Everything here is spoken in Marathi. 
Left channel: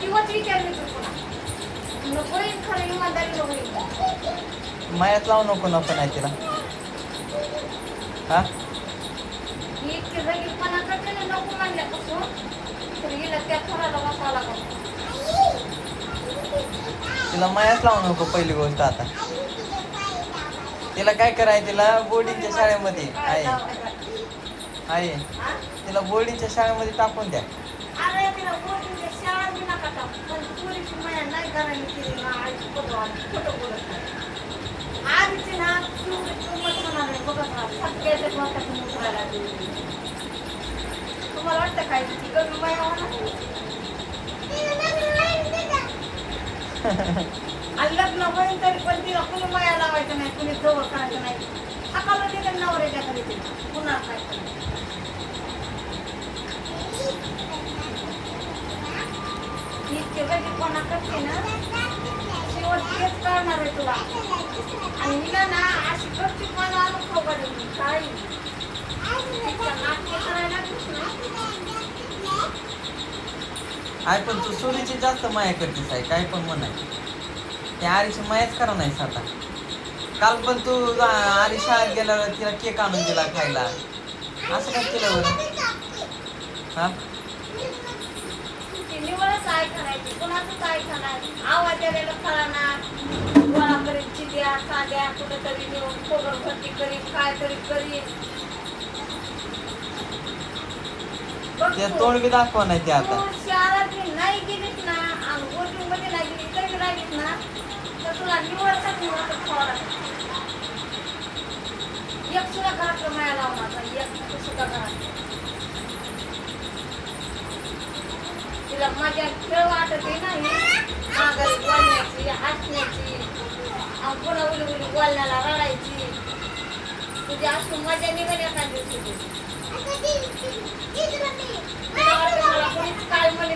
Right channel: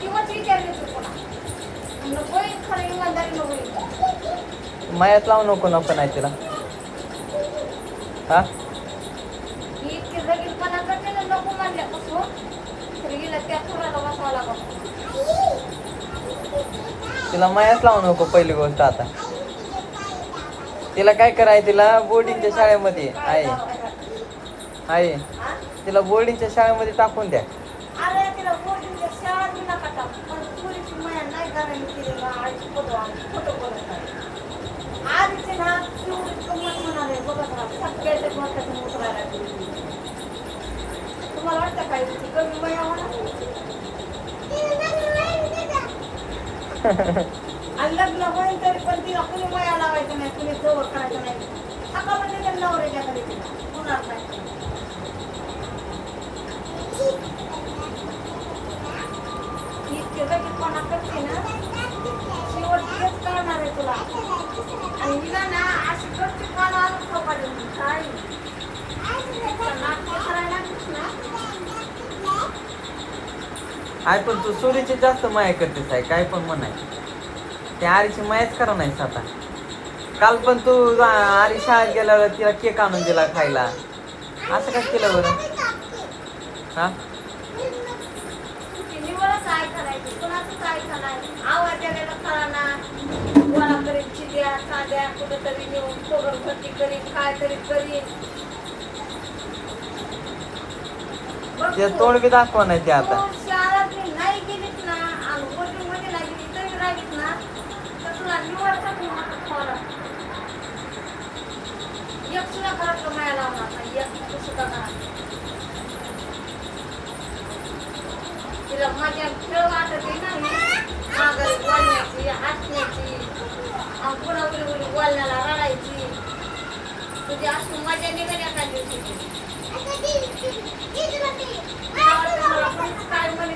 दिवस विचारले तर कोणा नको खरं इमानदारी नको. मायात लावू नको नको नाही तिला. हा इतकी रगीपणा करते ना नको म्हणल्यापासून तर हिला त्या थोडाला बसावं लागत. तिला मायाच लावू नको पहिली गोष्ट. आता तिला काय कराय तिला बोर्डिंगच्या शाळेमध्ये आहे तिला बोर्डिंगच्या शाळेमध्ये टाकून द्या. अरे तिला बोर्डिंगच्या शाळेत बी नका टाकू. पण पुरीची माया नाही करायला केली ना आईची फोटो बोलत आहे. आधीचे ना तेवढी किंमत होणार आहे बघत राहा. सगळ्याच्या डोक्यातून उतरायला लागली. तुम्हाला वाटतं काय ती कमी माया होणार? आणि लग्न होईल तरी पण तिला कुणी माया लावायचं नाही, कुणी जवळ करायचं नाही. सकाळला तिला नवऱ्याच्या खाली तिला होणार नाही. इतके गरीबपणा करते ना शेवट तेच करणार आहे तुला. आणि हिला ना अशी करते मला पडेल काय नाटक करायला लागलीस ना. आहे पण तू सोरीची जास्त माया करतेस आहे काय पण म्हणाय. त्या आरीची मायाच करा नाहीस आता. काल पण तू आरी शाळेत गेल्यावर तिला केक आणून दिला खायला. असं काय केलं बरं? हा निवडच काय करायची कोणाचं काय करायचं. आवाज द्यायला कळाना गोळा करीत चिद्या कांद्या कुठंतरी नेऊन पोगर भरती करीत काय तरी करीत. ते तोंड बी दाखवा नाही ते आता. शहरात नाही गेलीस ना आणि वोटिंग मध्ये नाही गेली तरी राहिलीस ना तर तुला निवडसाठी वाटत थोडा एक सुद्धा घरातलं माया लावणार नाही. एक सुद्धा घरात तिला मजा खेळ वाटत आहे ना माघारी बोलण्याची हसण्याची आणि पुन्हा उली उली बोलण्याला रडायची. तुझी अशी मजा निघाली एका दिवशी. काय म्हणे